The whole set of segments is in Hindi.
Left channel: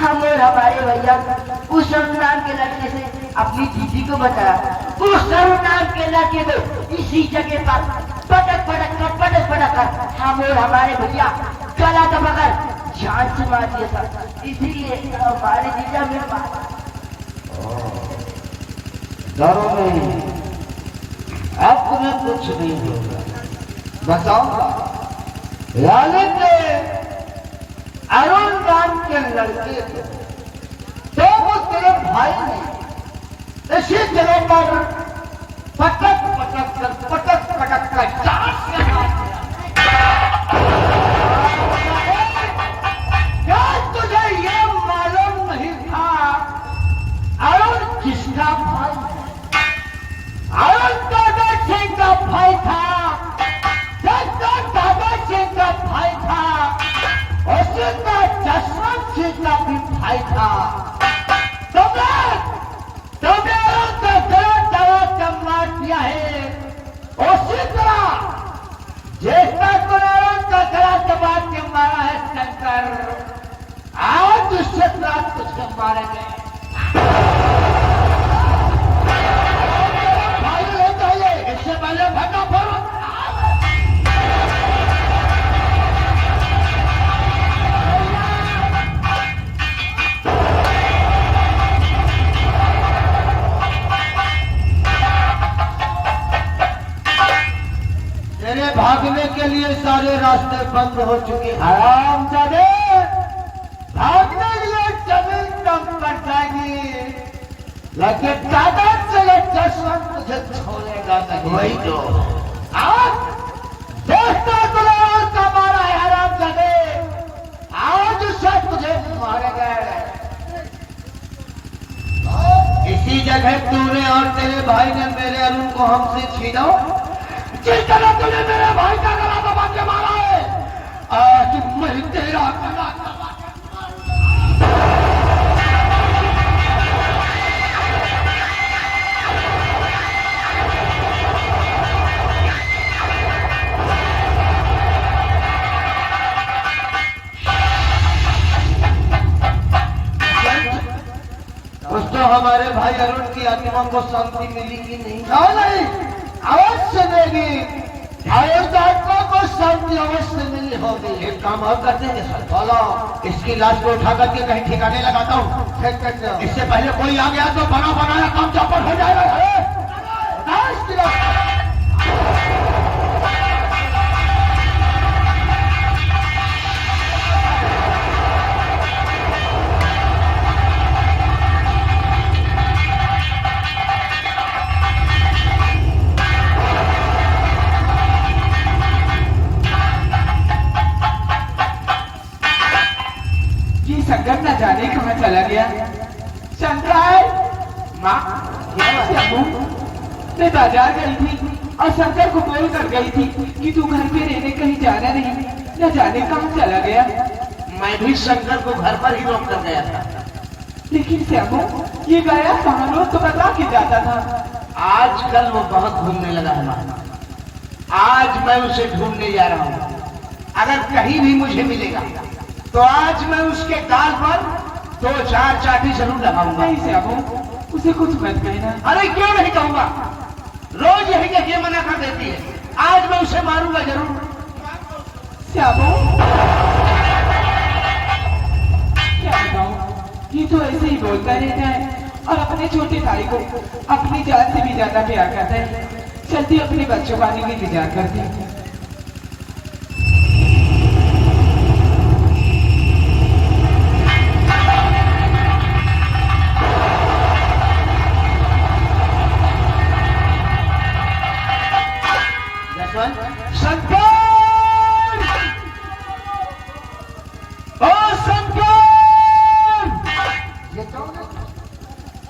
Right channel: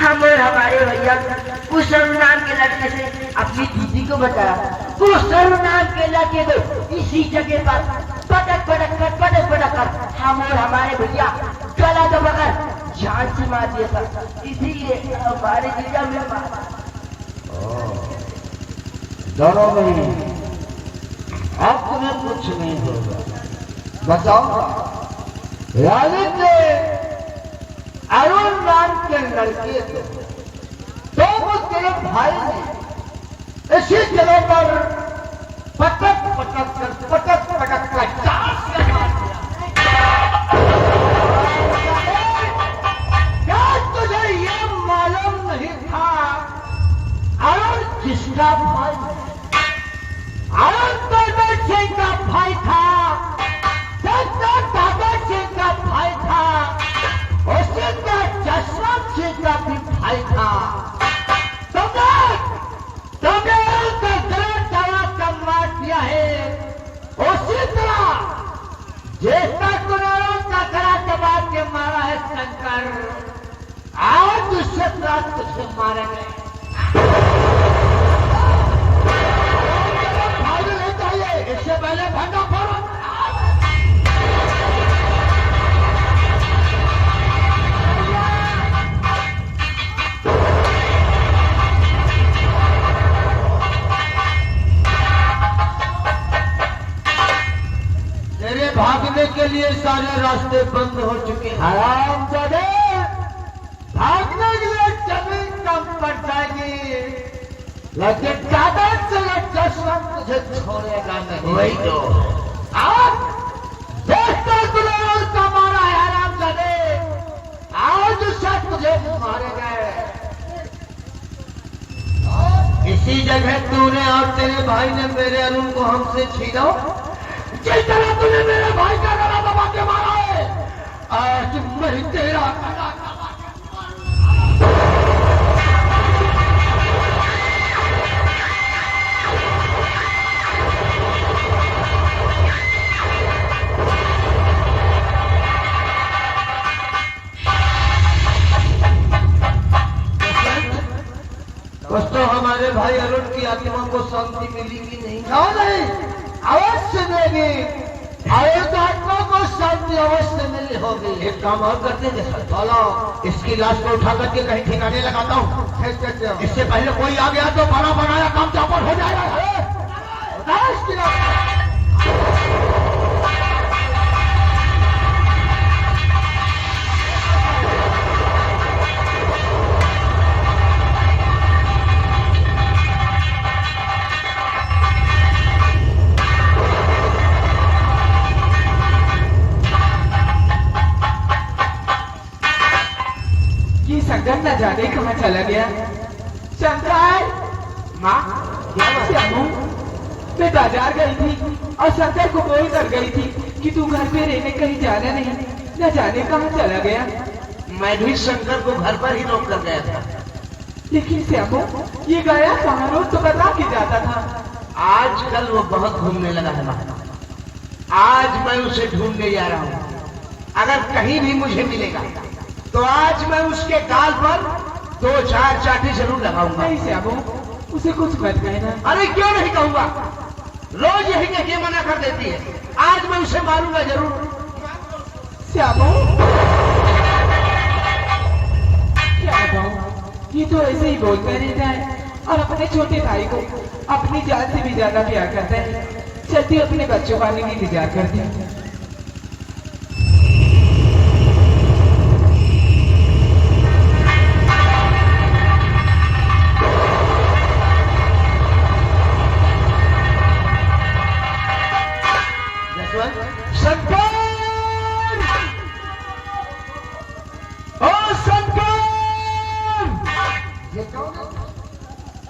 हम और हमारे भैया उस नाम के लड़के से अपनी दीदी को बताया। उस नाम के लड़के को इसी जगह पर पटक कर हम और हमारे भैया गला दबाकर जान से मार दिया था। इसीलिए हमारे जीजा में मारा। डरो नहीं, अब तुम्हें कुछ नहीं होगा, बताऊंगा। अरुण नाम के लड़के को तो वो तेरे भाई ने इसी जगह पर पटक कर चार से क्या तुझे ये मालूम नहीं था अरुण किसका भाई है? अरुण दादा सिंह का भाई था, दादा सिंह का भाई था, उसका जसवंत सिंह का भी भाई था। तुमने उनका गलत दवा का मार दिया है। उसी तरह जैसा तूने उनका गला दबा के मारा है शंकर, आज उससे रात तुझे मारेंगे। भाग नहीं चाहिए, इससे पहले भागा फोड़। भागने के लिए सारे रास्ते बंद हो चुके हैं। हरामजादे, भागने के लिए जमीन कम पड़ जाएगी, लेकिन दादा से जसवंत तुझे छोड़ेगा नहीं। वही तो आज देखता तुझे उसका मारा है हरामजादे, आज उससे तुझे मारेगा। इसी जगह तूने और तेरे भाई ने मेरे अरुण को हमसे छीना। जिस तरह तूने मेरे भाई का गला दबा के मारा है, आज मैं तेरा गला दबा के कुछ तो हमारे भाई अरुण की आत्मा को शांति मिली कि नहीं? नहीं, अवश्य मिलेगी। अरुण आत्मा को शांति अवश्य मिली होगी। एक काम और करते हैं, चलो इसकी लाश को उठा करके कहीं ठिकाने लगाता हूँ। इससे पहले कोई आ गया तो बड़ा बनाया काम चौपट हो जाएगा। शंकर न जाने कहाँ चला गया। शंकर, माँ मैं बाजार गई थी और शंकर को बोल कर गई थी कि तू घर पे रहने कहीं जाना नहीं, न जाने कहाँ चला गया। मैं भी शंकर को घर पर ही रोक कर गया था। लेकिन श्यामू, ये गया कहाँ लो तो बता के जाता था। आजकल वो बहुत घूमने लगा है। आज मैं उसे ढूंढने जा रहा हूँ। अगर कहीं भी मुझे मिलेगा तो आज मैं उसके गाल पर 2-4 चाटी जरूर लगाऊंगा। नहीं श्यामू, उसे कुछ मत कहना। अरे क्यों नहीं कहूंगा, रोज यही कहके मना कर देती है। आज मैं उसे मारूंगा जरूर। श्यामू, क्या बताऊं, ये तो ऐसे ही बोलता रहता है और अपने छोटे भाई को अपनी जान से भी ज्यादा प्यार करता है। चलती अपने बच्चों का भी इंतजार करती है।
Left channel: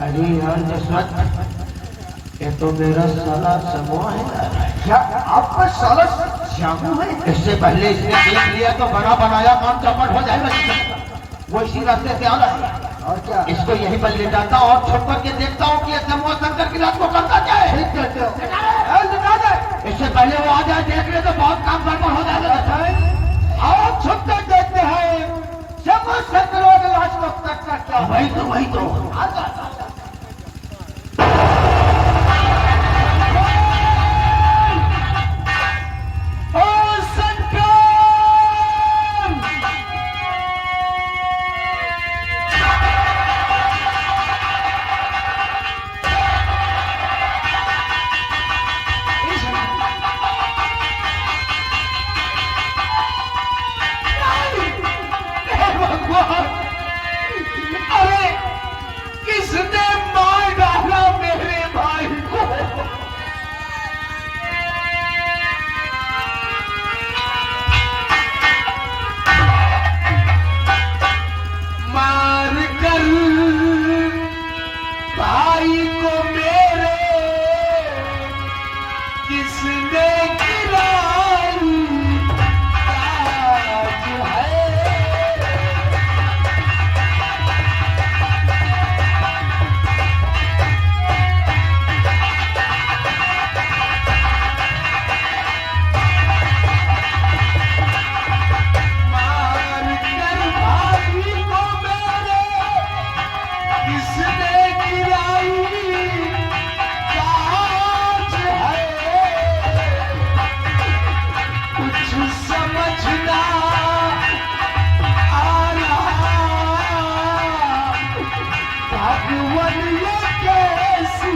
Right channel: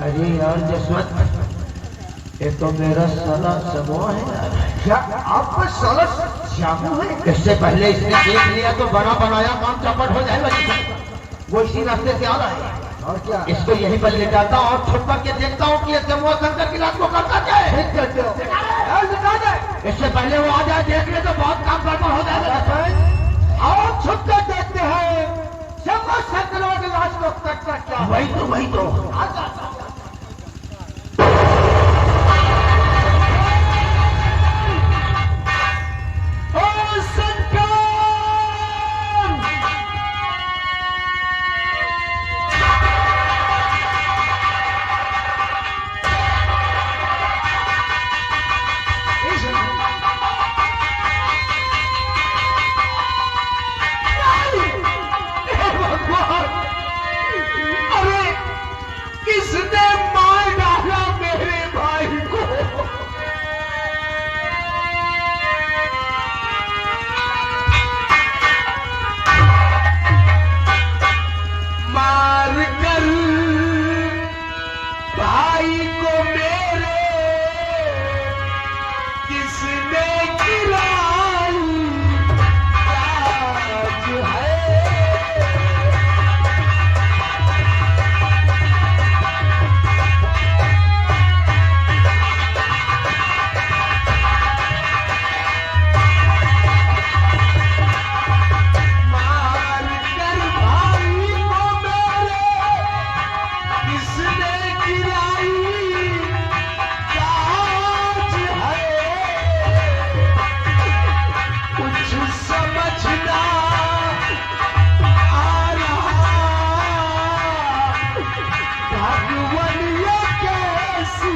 अरे राम जसवंत, ये तो मेरा साला समूह है। क्या आपका साला श्यामू है? इससे पहले इसने देख लिया तो बड़ा बनाया काम चौपट हो जाएगा। वो इसी रास्ते से आ रहा है और क्या इसको यहीं पर ले जाता और छुप करके देखता हूँ कि ये समूह शंकर की रात को करता क्या है। इससे पहले वो आ जाए देख ले तो बहुत काम गड़बड़ हो जाएगा। और छुप कर देखते हैं आपको शत्रुओं के लाश को तक कर क्या वही तो आ जाता हूं। ओ सत्कार! अरे किसने मार डाला मेरे भाई को? मार कर भाई को मेरे किसने गिराई आज है। मार कर भाई को मेरे किसने गिराई आज है। कुछ समझना आ रहा भगवान ये कैसी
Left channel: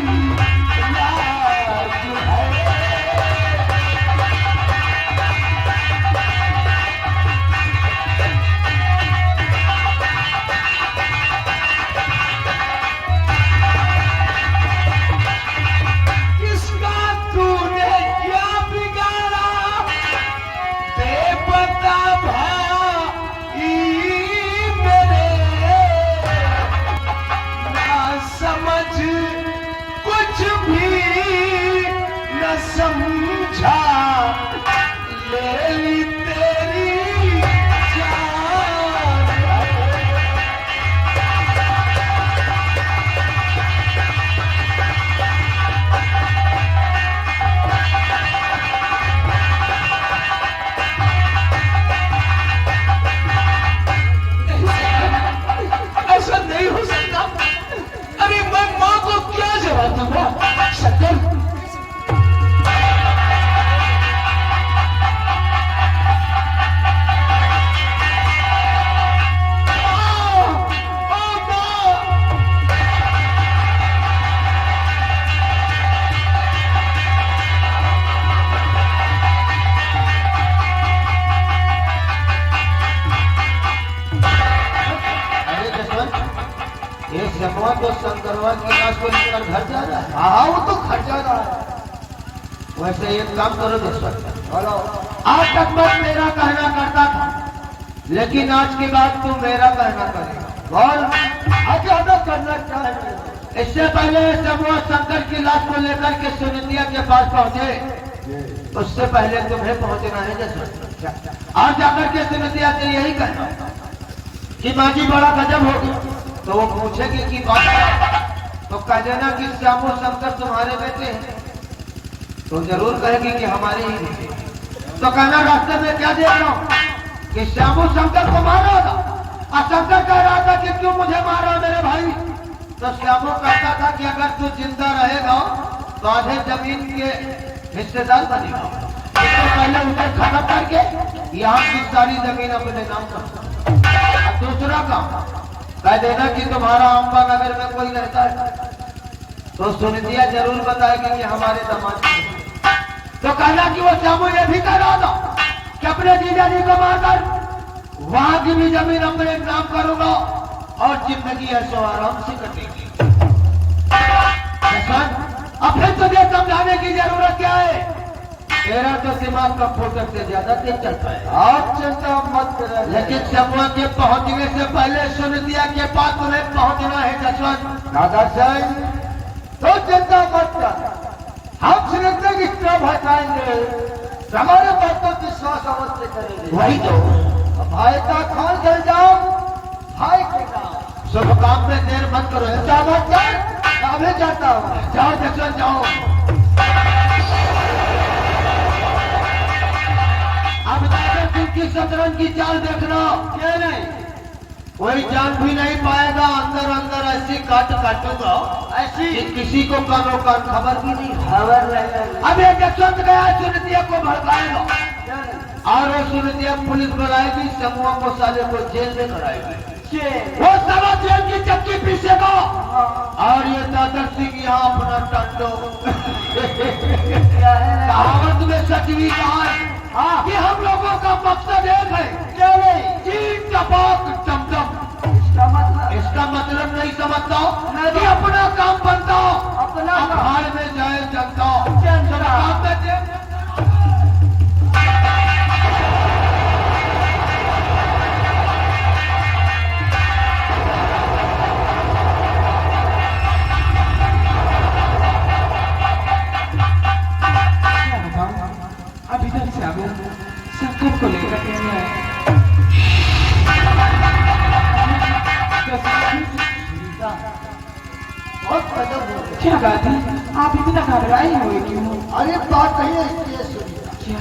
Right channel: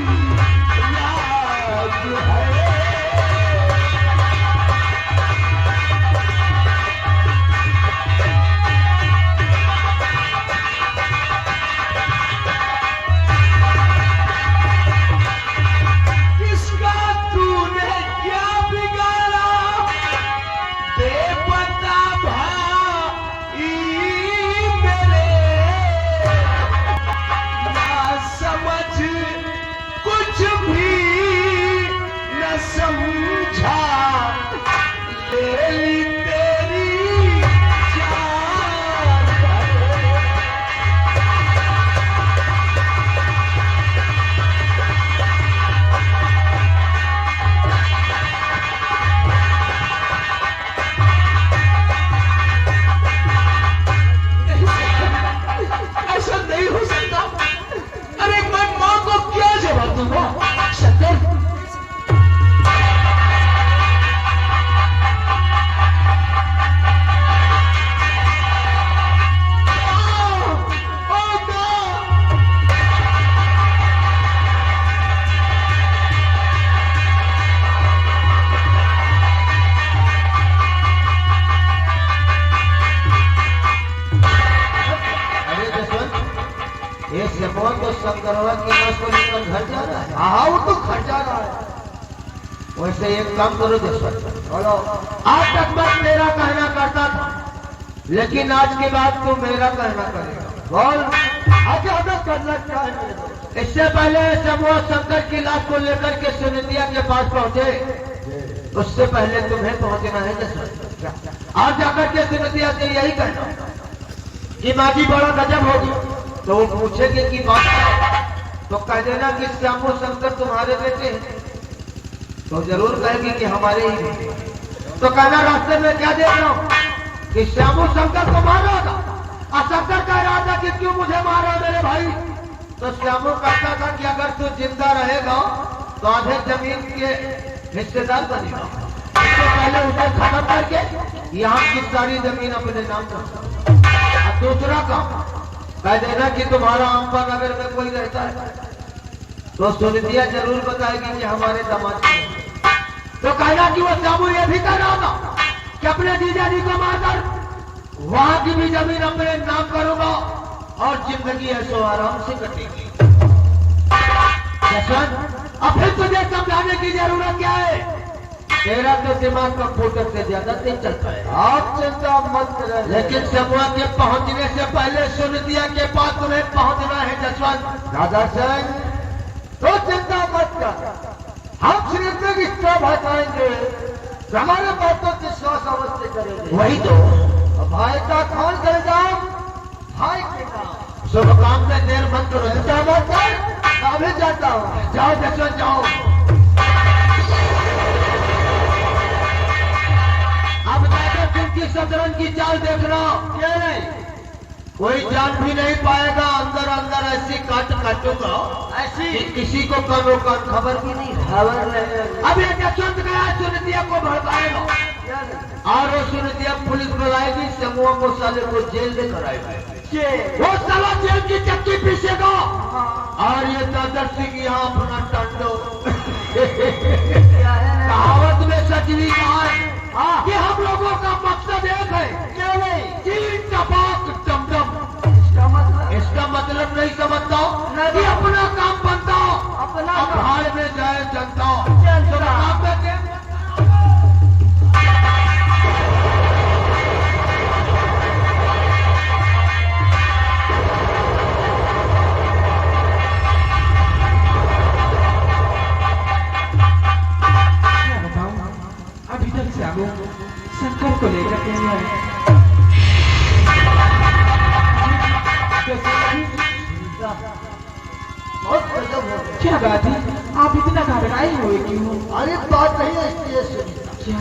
याद है। किसका तूने क्या बिगाड़ा बेपता भाई मेरे। ना समझ कुछ भी न समझा ले ली तेरी जान। ऐसा नहीं हो सकता। अरे मैं माँ को क्या जवाब दूंगा? सत्तर अरे जसवंत, ये शकुआ तो शंकरवा की लाश को लेकर घर जा रहा है। हाँ वो तो घर जा रहा है। वैसे एक काम करो जसवंत, बोलो। आज तक मैं मेरा कहना करता था, लेकिन आज के बाद तू मेरा कहना करेगा। बोल आज हम करना चाहेंगे। इससे पहले शकुआ शंकर की लाश को लेकर के सुनिंदिया के पास पहुंचे, उससे पहले तुम्हें पहुंचना है जसवंत। आज जाकर के सुनिंदिया से यही कहना कि माँ जी बड़ा गजब होगी। तो वो पूछेंगे कि बात क्या है? तो कह देना कि श्यामो शंकर तुम्हारे बेटे हैं। तो जरूर कहेगी कि हमारे ही बेटे। तो कहना रास्ते में क्या देख रहा हूँ कि श्यामो शंकर को मारा था। और शंकर कह रहा था कि क्यों मुझे मारा मेरे भाई। तो श्यामो कहता था कि अगर तू जिंदा रहेगा तो आधे जमीन के हिस्सेदार बनेगा। इससे पहले उसे खत्म करके यहाँ की सारी जमीन अपने नाम कर। और दूसरा काम कह देना कि तुम्हारा अम्बा नगर में कोई रहता है तो सुनिंदिया जरूर बताएगी कि हमारे दामाद हैं। तो कहना कि वो श्यामू ये भी कह रहा था कि अपने जीजा जी को मारकर वहां की भी जमीन अपने नाम करूंगा और जिंदगी ऐसो आराम से कटेगी। अब फिर तुझे समझाने की जरूरत क्या है? तेरा तो दिमाग का फोटो से ज्यादा तेज चलता है। आप चिंता मत करो, लेकिन शकुआ के पहुंचने से पहले सुनिंदिया के पास तुम्हें पहुंचना है जसवंत। दादा सिंह तो चिंता मत कर, हम सुनिंदिया की इतना भड़काएंगे हमारे बातों की विश्वास अवश्य करेंगे। वही तो भाई का खान कर जाओ, भाई के काम शुभ काम में देर मत करो। चिंता मत कर, मैं जाता हूँ। जाओ जसवंत जाओ। अब दादा सिंह की शतरंज की चाल देख रहा हूं। कोई जान भी नहीं पाएगा, अंदर अंदर ऐसी काटूंगा ऐसी कि किसी को कानो कान खबर भी नहीं है। खबर नहीं। अब एक चंद गया सुरतिया को भड़काएगा और वो सुरतिया पुलिस बुलाएगी, समूह को साले को जेल लेकर आएगी। वो साला जेल की चक्की पीसेगा और ये दादा सिंह यहाँ अपना टांडो कहावत में सचवी कहा है कि हम लोगों का मकसद एक है, चीन टपाक टमटम। इसका मतलब नहीं समझता कि अपना काम बनता, अपना बाहर में जाए जनता जनता। काम में देख अभी तक साबु शंकर को लेकर नहीं आए। बहुत कदम हो गया। क्या बात है, आप इतना घबराए हुए क्यों? अरे बात नहीं है इसलिए सुनीता, क्या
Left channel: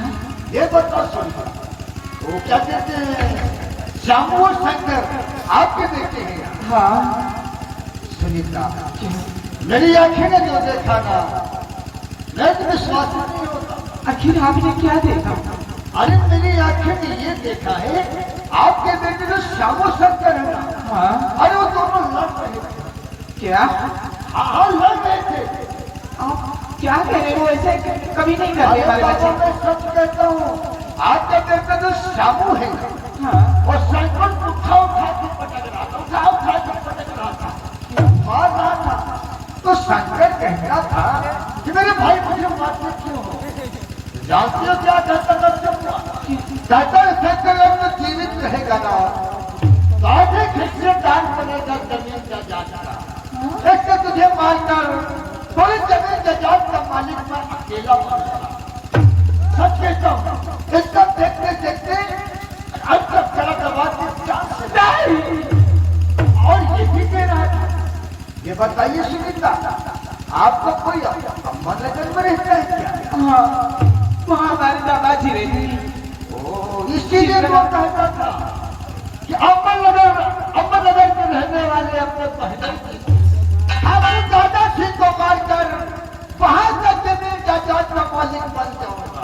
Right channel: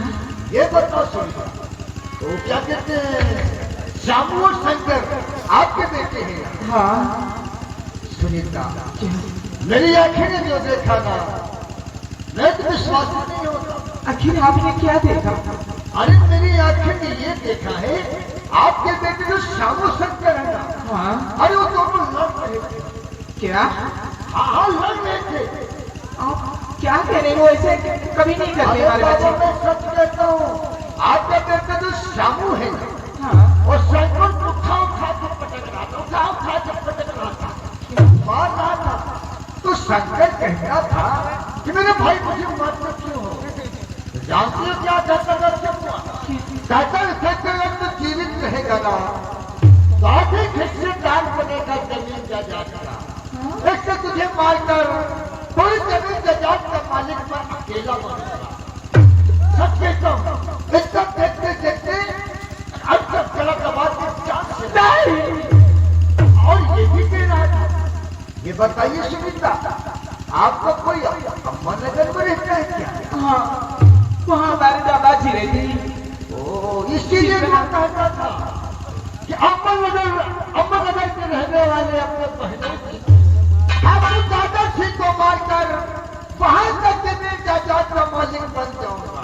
ये बताओ सुनीता, तो क्या कहते हैं श्यामू और शंकर आपके बेटे हैं? हाँ सुनीता, क्या? मेरी आंखें ने जो देखा था मैं तो विश्वास ही नहीं होता। आखिर आपने क्या देखा? अरे मेरी आंखें ने ये देखा है आपके बेटे जो श्यामू शंकर है ना, हाँ अरे वो दोनों लड़ रहे थे। क्या हाँ लड़ रहे थे। आप क्या कह रहे हो? ऐसे कभी नहीं करने वाले बाबा, बच्चे। मैं सच कहता हूँ, आपका बेटा जो श्यामू है हाँ और शंकर उठा के पटक रहा था, उठा के पटक रहा था, मार रहा था। तो शंकर कहता था कि मेरे भाई मुझे मारते क्यों हो? जानते हो क्या कहता था? शंकर अब तो जीवित रहेगा ना, काफी खिस्सेदार बनेगा जमीन का जाता। एक तो तुझे मारकर पूरी जमीन जात का मालिक पर अकेला बनेगा। सब कहता हूँ इसका देखते देखते अंतर चला दबाव के चांस और ये भी दे रहा था। ये बताइए सुनीता, आपको कोई अम्बानगर में रहता है क्या? हाँ, वहाँ हमारे दादाजी रहते हैं। ओ, इसीलिए मैं कहता था कि अम्बानगर में रहने वाले अपने पहले अपने दादा सिंह को मारकर वहां का जमीन जायदाद का मालिक बन जाऊंगा।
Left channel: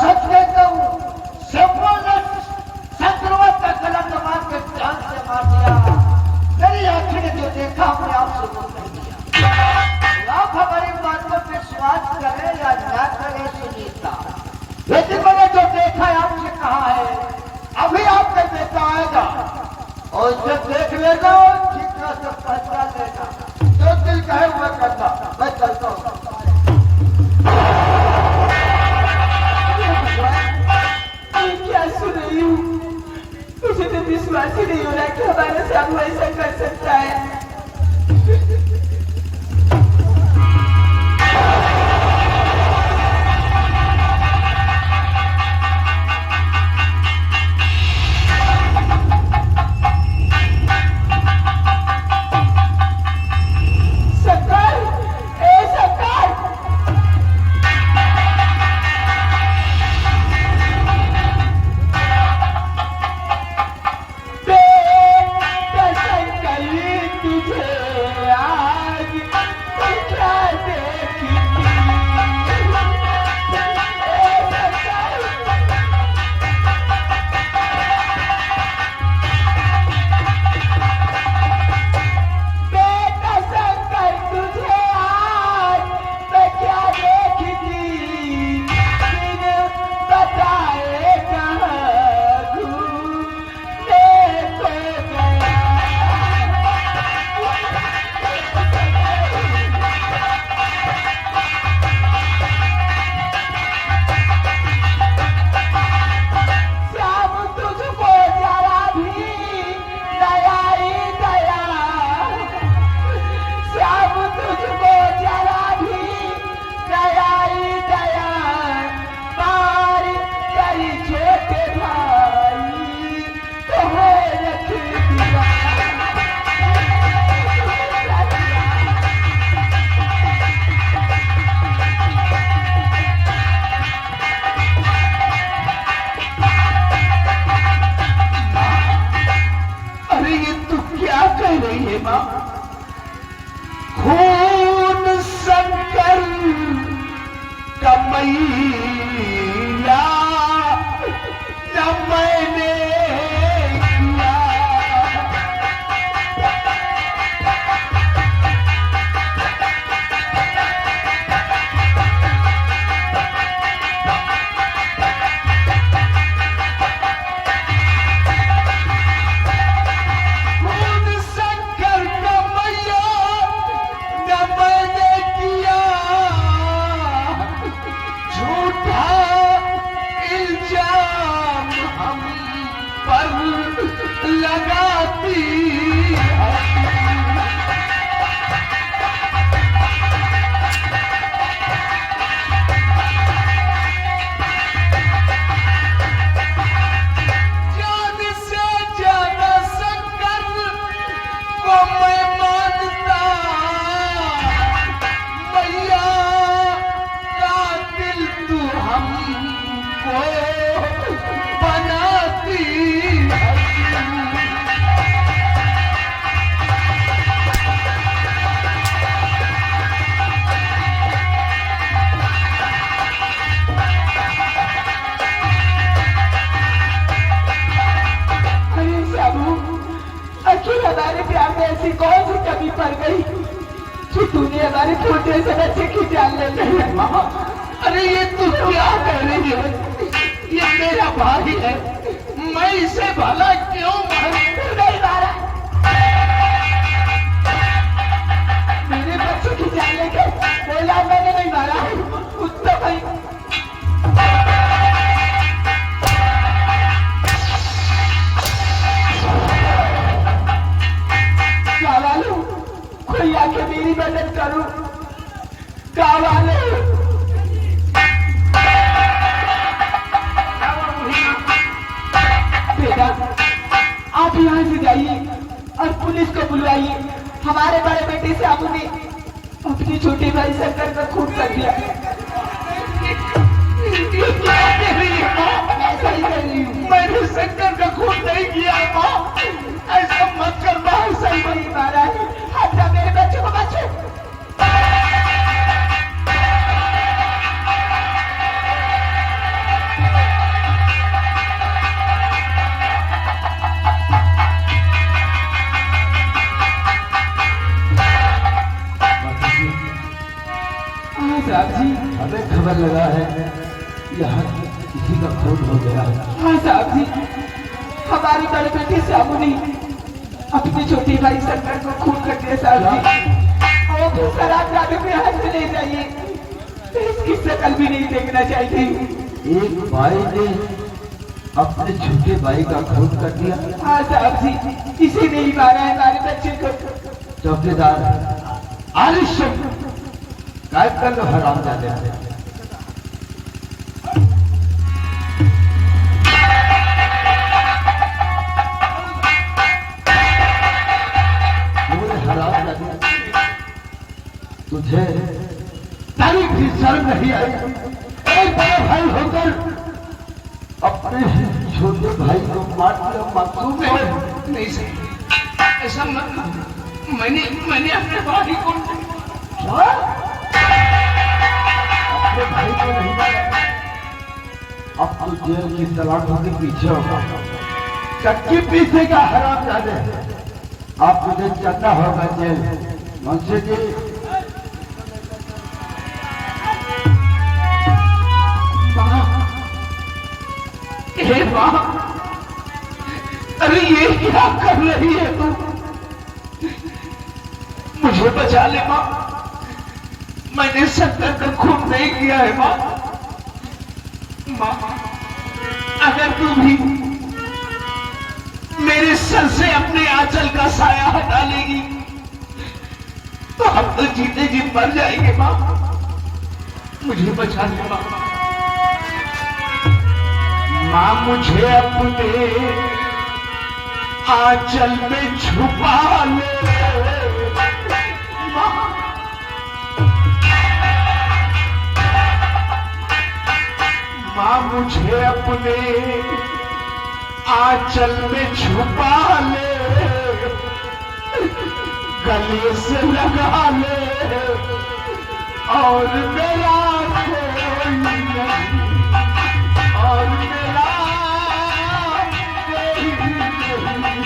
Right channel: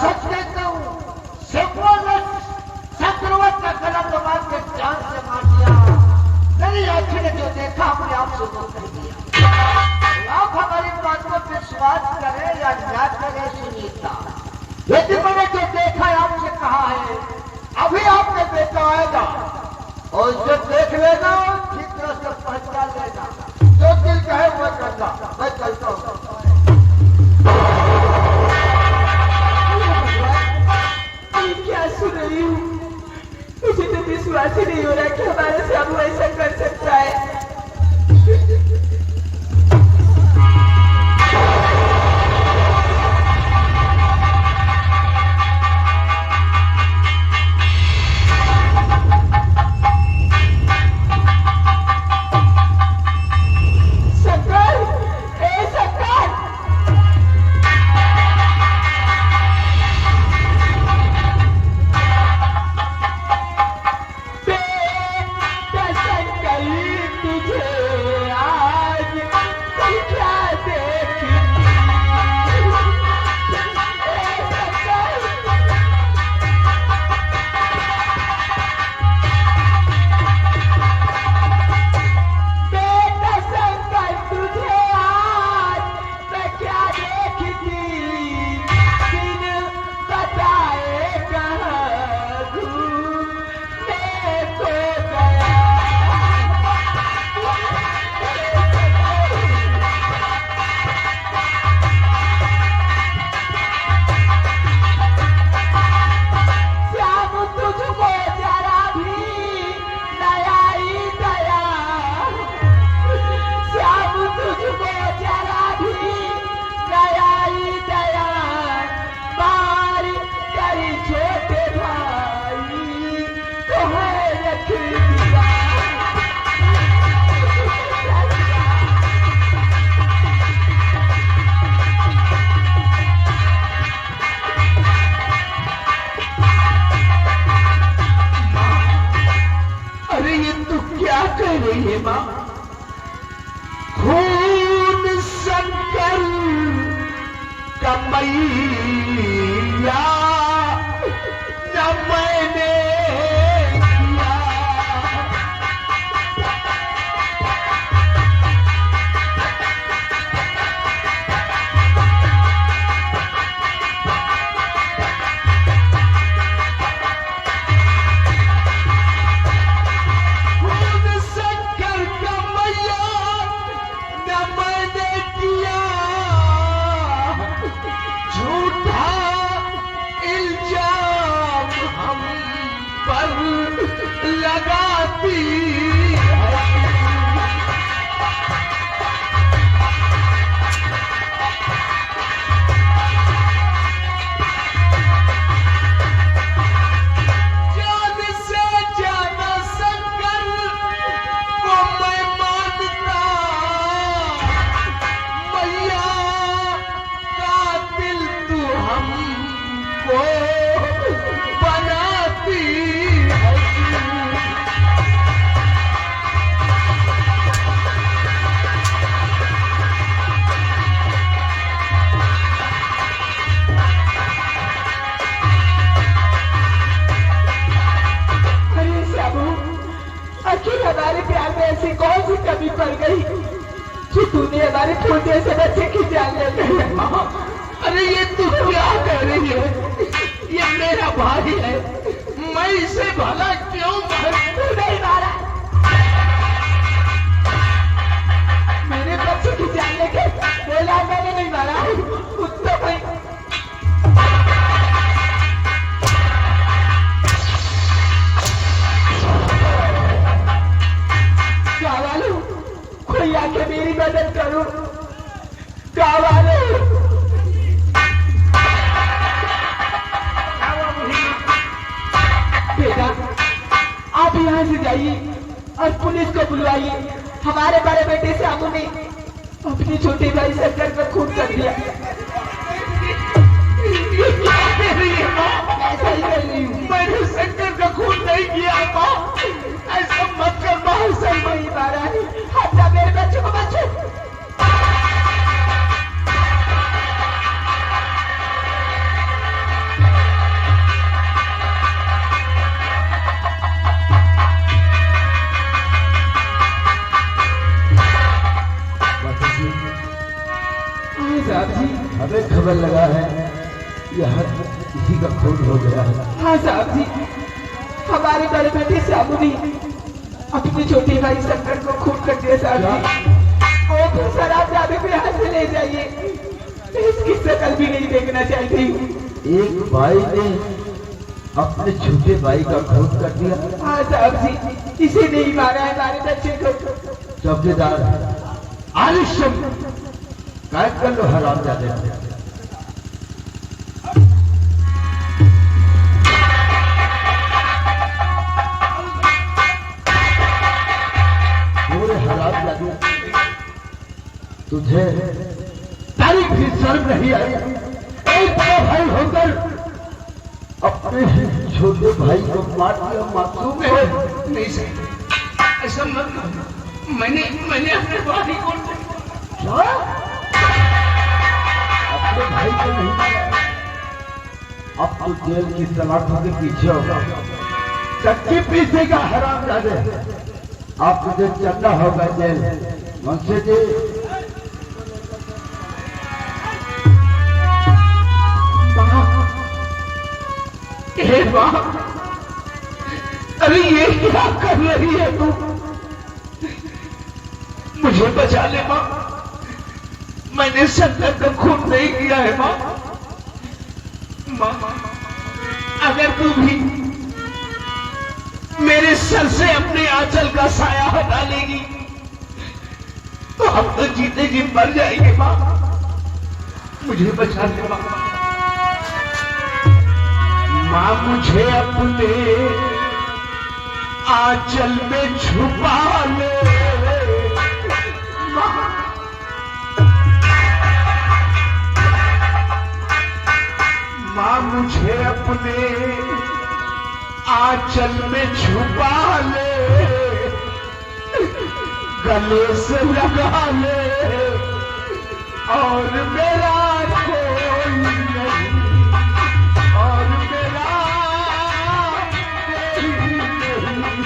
सच कहता हूँ, शंभू ने चक्रवर्ती का गला दबा के जान से मार दिया। मेरी आंखें ने जो देखा हमने आपसे बोल दिया। आप हमारी बात पर विश्वास करें या न करें सुनीता, लेकिन मैंने जो देखा है आपसे कहा है, अभी आपका बेटा आएगा और उसे देख लेगा और ठीक तरह से पहचान लेगा। जो दिल कहे वो करना। मैं चलता हूँ। क्या सुन रही हूँ? मुझे तो विश्वास ही नहीं हो रहा कि हमारे सामने ऐसा कर सकता है। रही है माँ। खून शंकर कमैया न मैंने किया। लगाती जान से ज्यादा शंकर को मैं मानता। मैया का दिल तू हमको बनाती। आखिर हमारे प्यार में ऐसी कौन सी कमी पड़ गई कि तूने हमारे छोटे से बच्चे की जान ले ली? अरे ये तू क्या कह रही है? ये मेरा भाई है, मैं इसे भला क्यों मारूं? नहीं मारा, मेरे बच्चे की जान लेके बोला मैंने नहीं मारा। कुत्ता भाई क्या वालू, कोई आके मेरी मदद करो। क्या वालू, बेटा आप यहाँ से जाइए और पुलिस को बुलवाइए। हमारे बड़े बेटे साबू ने अपने छोटे भाई शंकर को खून कर दिया। ये क्या कह रही है माँ? ऐसा ही कर रही हूँ। मैंने शंकर का खून नहीं किया माँ, ऐसा मत कर माँ। सही नहीं मारा है, अपना मेरे बच्चों को बच्चे। साहब जी हमें खबर लगा है यहाँ किसी का खून हो गया है। हाँ साहब जी, हमारे बड़े बेटे साबू ने अपने छोटे भाई शंकर को खून कर दिया साहब जी। और फिर शराब जाने पे हाथ से ले जाइए, इसकी शकल भी नहीं देखना चाहिए। एक भाई ने अपने छोटे भाई का खून कर दिया। हाँ साहब जी, इसे नहीं मारा है हमारे बच्चे को। चौकीदार आलिश गायब कर लो हराम जाने। हराम जाने, तुझे तारीख भी शर्म नहीं आई? एक बड़ा भाई होकर अपने छोटे भाई को मार दिया। मासूम है। नहीं सर, ऐसा मत। मैंने अपने भाई को अपने भाई को नहीं मारा। अब तो जेल की सलाखों के पीछे होगा, कच्ची पीछे का हराम जाने। अब तुझे चलना होगा जेल। मुंशी जी माँ, अरे ये क्या कर रही है तू? मुझे बचा ले माँ, मैंने शंकर का खून नहीं किया है माँ। माँ, अगर तू भी मेरे सर से अपने आंचल का साया हटा लेगी तो हम तो जीते जी मर जाएंगे माँ। मुझे बचा ले माँ। माँ, मुझे अपने आंचल में छुपा ले। माँ, मुझे अपने आंचल में छुपा ले। गले से लगा ले और मेरा कोई नहीं, और मेरा कोई नहीं।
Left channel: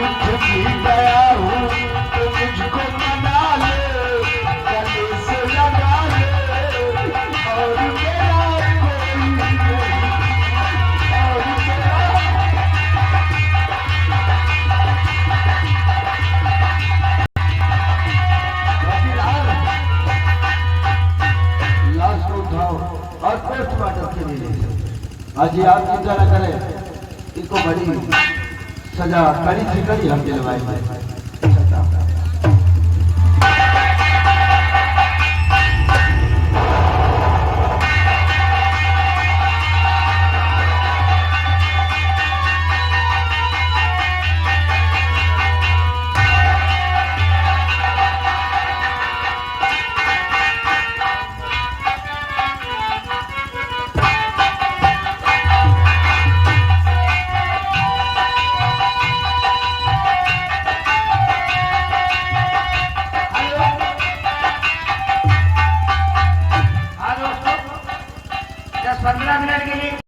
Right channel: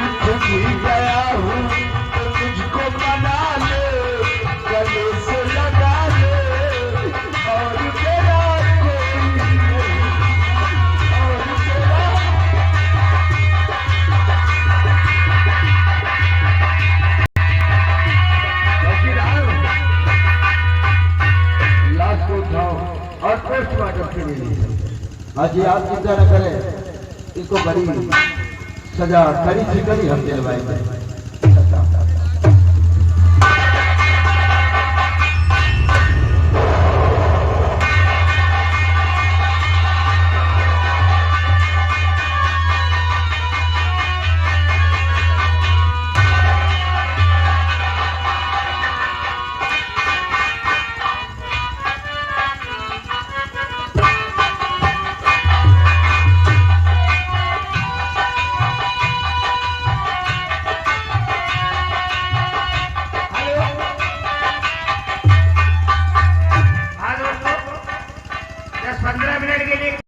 रूठ भी गया हूँ तो मुझको मना ले, गले से लगा ले और मेरा कोई नहीं, और मेरा लाश को उठाओ और पोस्टमार्टम के लिए आज आप चिंता न करें, इसको बड़ी सजा कड़ी से कड़ी हम दिलवाएंगे।